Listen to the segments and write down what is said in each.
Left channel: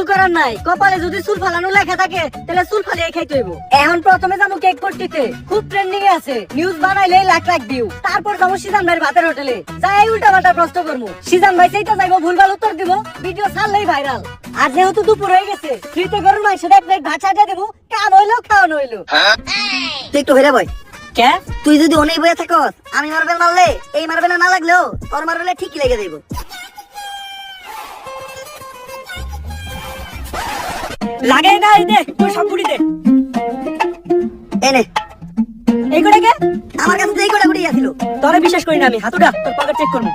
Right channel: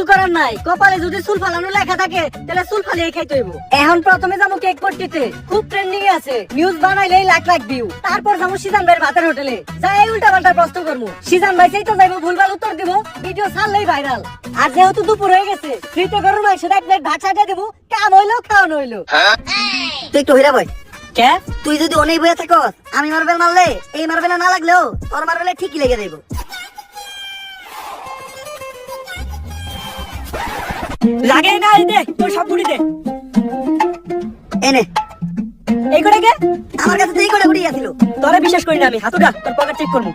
কিছু করার নাই, কপালে যদি চুল ফালানো লেখা থাকে তাহলে চুল ফালিয়ে খাইতে হইব। এখন প্রথমে যাবো কেক পট্টিতে, খুব ট্রেন্ডিং এ আছে, নিউজ বানাইলে লাখ লাখ ভিউ। তারপর যাবো সিজান ভাইয়ের ভাতের হোটেলে, যাই উল্টা পাল্টা প্রশ্ন করবো, সিজান ভাই সেইটা যাইবো ভুলভাল উত্তর দিব, ভিডিও ছাড়লেই ভাইরাল। আর যেহেতু দুপুর হয়ে গেছে, ফ্রিতে গরম মাংস এক প্লেট ভাত চাটা দিব, কাম হইলো খাওয়ানো হইলো। তুই একটু হইরা ভাই, কে তুই যদি অনেক বইয়া থাকস, আমি মারবেল মারলে এই মারবেল না লাগলেও তোর মারবেলে ঠিকই লেগে যাইব। লাগে না, এই দে তোর সব বুড়ি দে। এনে এই করে কে? আমার কাছে তো এই করে উড়িয়ে ছিল। তোরে বিশ্বাস করি না আমি, হাতুড়া তোর পকেট চেক করবো।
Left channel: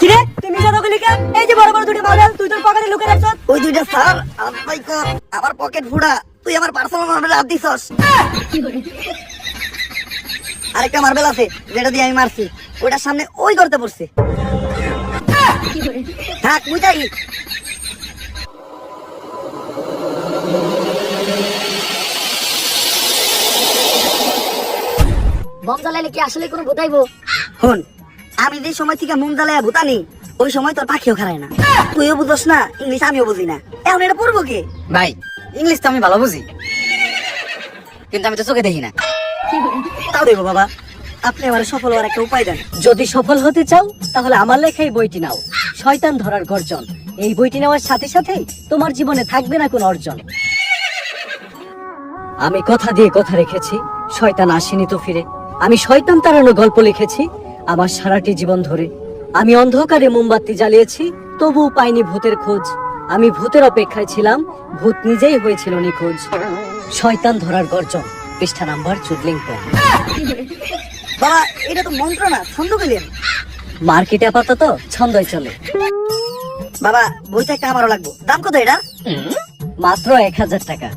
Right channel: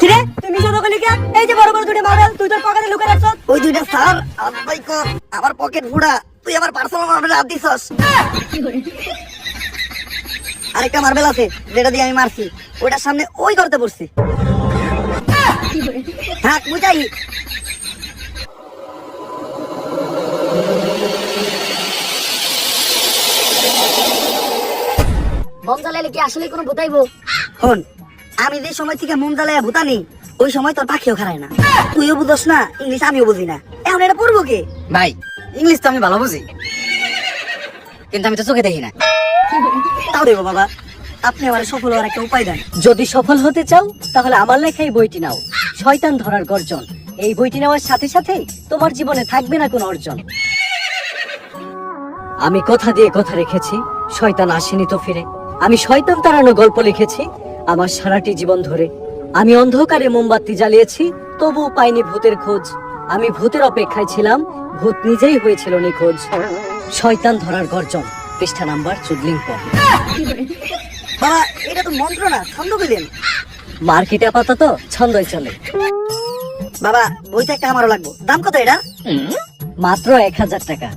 কিরে তুই নিজে দখলি কে? এই যে বড় বড় দুটো মারবেল তুই তোর পকেটে লুকায় রাখছস। ওই দুইটা স্যার আব্বাই কো আমার পকেট ফুড়া, তুই আমার পার্সোনাল মারবেল হাত দিছস। আরেকটা মারবেল আছে যেটা দিয়ে আমি মারছি, ওইটার সামনে ওই ধরতে পড়ছে। থাক বুঝাই। বম জ্বালাইলে কি আসলে কোনো ভুতাইবো? হন, আমি যে সময় থেকে মন জ্বালায়া ভুতানি, ওই সময় তোর পাখিও খারায় না। তুইও বুঝস না ইংলিশ, আমিও বুঝি না। এখন এটা পড়বো কে? ভাই ইংলিশ তো আমি ভালো বুঝি, কিন্তু আমি তো চোখে দেখি না। তাও দেখো বাবা, আপনি আমার সফল হওয়ার একটা উপায় দেন। যদি সফল হতে চাও তাহলে আমার লেখা এই বইটি নাও, শয়তান ধরার গর্জন। এই বইটি নেওয়ার সাথে সাথে তোমার জীবনে থাকবে না কোনো অর্জন। আমি কথা দিয়ে কথা রেখেছি, শয়তান আসেনি তো ফিরে। আমি শয়তান তাড়ানো গল্প লিখেছি আমার সারাটি জীবন ধরে। আমি অন্ধকারে মোমবাতি জ্বালিয়েছি, তবুও পাইনি ভূতের খোঁজ। আমি ভূতের অপেক্ষায় ছিলাম, ভূত নিজেই হয়েছিল নিখোঁজ। শয়তান ধরার গর্জন, পৃষ্ঠা নাম্বার 14। বাবা এটা তো মন্ত্র না, ছন্দ পেলেন। মার্কেটে আপাতত ছন্দই চলে। বাবা বইটা একটা আমারও লাগবো, দাম কত এটা? মাত্র 1000 টাকা।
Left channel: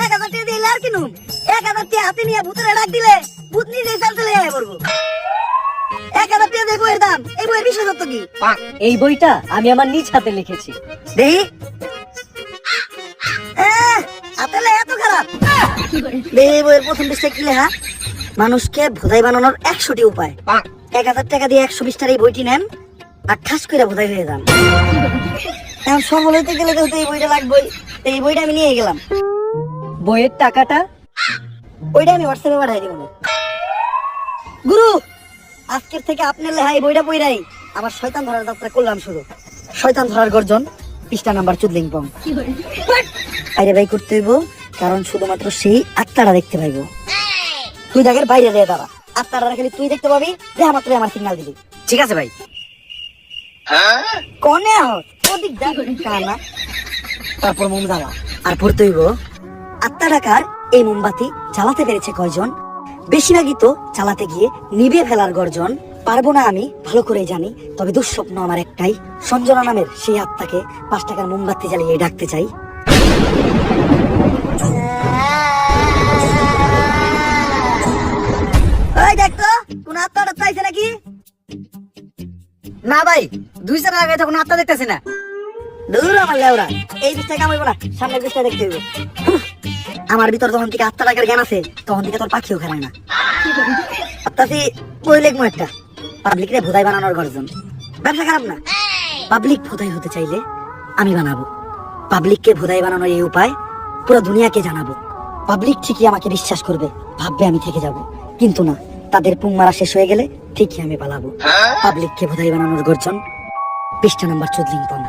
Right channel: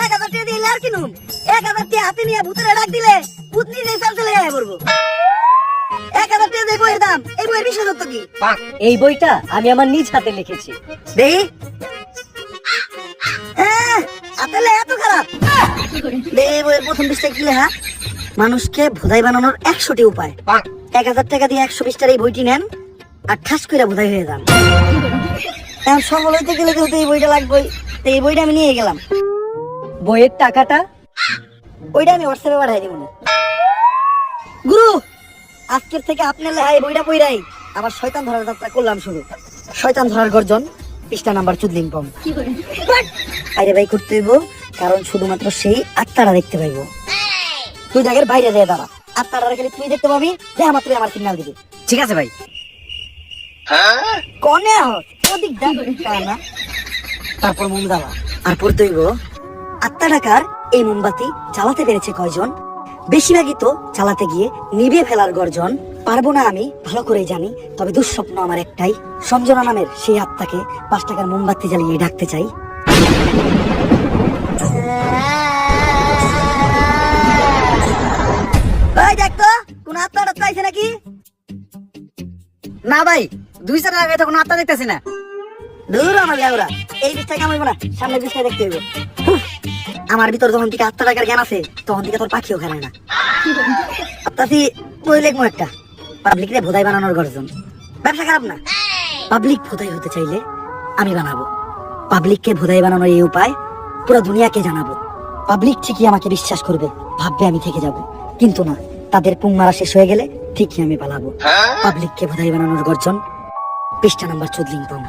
1000 টাকা দিলে আর কিনুন? 1000 টাকা হাতে নিয়ে ভূতের ডাক দিলে ভূত নিজেই চাল চলে যায় পড়বো। 1000 টাকা দিয়ে বইয়ের দাম, এই বইয়ের বিশেষত্ব কি? এই বইটা আমি আমার নিজ হাতে লিখেছি। দেখি আসলে এত খারাপ? এই বইয়ের প্রথম পৃষ্ঠায় কি লেখা? মানুষকে ভোদাই বানানোর 100টি উপায়। 1000 টাকা দিয়ে 120টার এই বইটি নেন আর ঠাস করে ভোদাই হয়ে যান। এখন সফল হইতে গেলে তো এই বইটা লাগবেই, এই বইটা আমি নিয়ে গেলাম। বইয়ের টাকাটা? ওইটা আমি হোয়াটসঅ্যাপে পাঠাই দিব। গুরু, আজকের থেকে আপনার লেহাই বইটা বইরাই আমার শয়তান ধরার যাত্রা করলাম শুরু। শয়তান ধরার গর্জন, পৃষ্ঠা নাম্বার 14। আরে ভাই করতে হইব, কারণ শুধুমাত্র সেই আত্মারা দেখতে পাইব। তুই দেখের বাইরে যায় তারা আত্মারা খালি তুই দেখতে পাবি, দেখা মাত্র আমার সিগন্যাল দিবি। ঠিক আছে ভাই। কনে অধিক দাম না। তারপর মোম জ্বালা আর পড়তে হইব, আত্মা টাকার এই মোমবাতি জ্বালাতে পেরেছে কয়জন? বেশিরভাগই তো চালাতে গিয়ে নিভে ফেলার গর্জন। পারবো না আমি ভালো করে জানি, তবে দুঃস্বপ্ন আমার একটাই, সঞ্জনা নামের সেই আত্মাকে 5 টাকার মোমবাতি জ্বালিয়ে ডাকতে চাই। ওই দেখ তো কোন আত্মাটা চাইছে নাকি? না ভাই, 2 আগে যখন আত্মা দেখতেছি না। দূর আমার লেওরা, এই বিষয়টা কামাইবো না, সামনের বিষয়টা দেখতে হইব। আমার ভিতর যখন থেকে আত্মা টাকার জ্ঞান আছে, তখন থেকে তোর পাখিও খারায় না। আপনার বই লিখবো একটা, পাবলিকরে ভোদাই বানানোর গর্জন। ব্যবসা খারাপ না, পাবলিক ভোদাই হতে চাইলে আমি বানাবো। পাবলিককে ভোদাই বানানোর এই উপায় পুরো দুনিয়াকে জানাবো। পাবলিক ঠিকই আমাকে বিশ্বাস করবে, ভাববে আমি থেকে যাব। কিন্তু না, তাদের পুং মারা শেষ হয়ে গেলে ঠিকই আমি পালাবো। পাবলিককে ভোদাই বানানোর গর্জন, পৃষ্ঠা নাম্বার 14।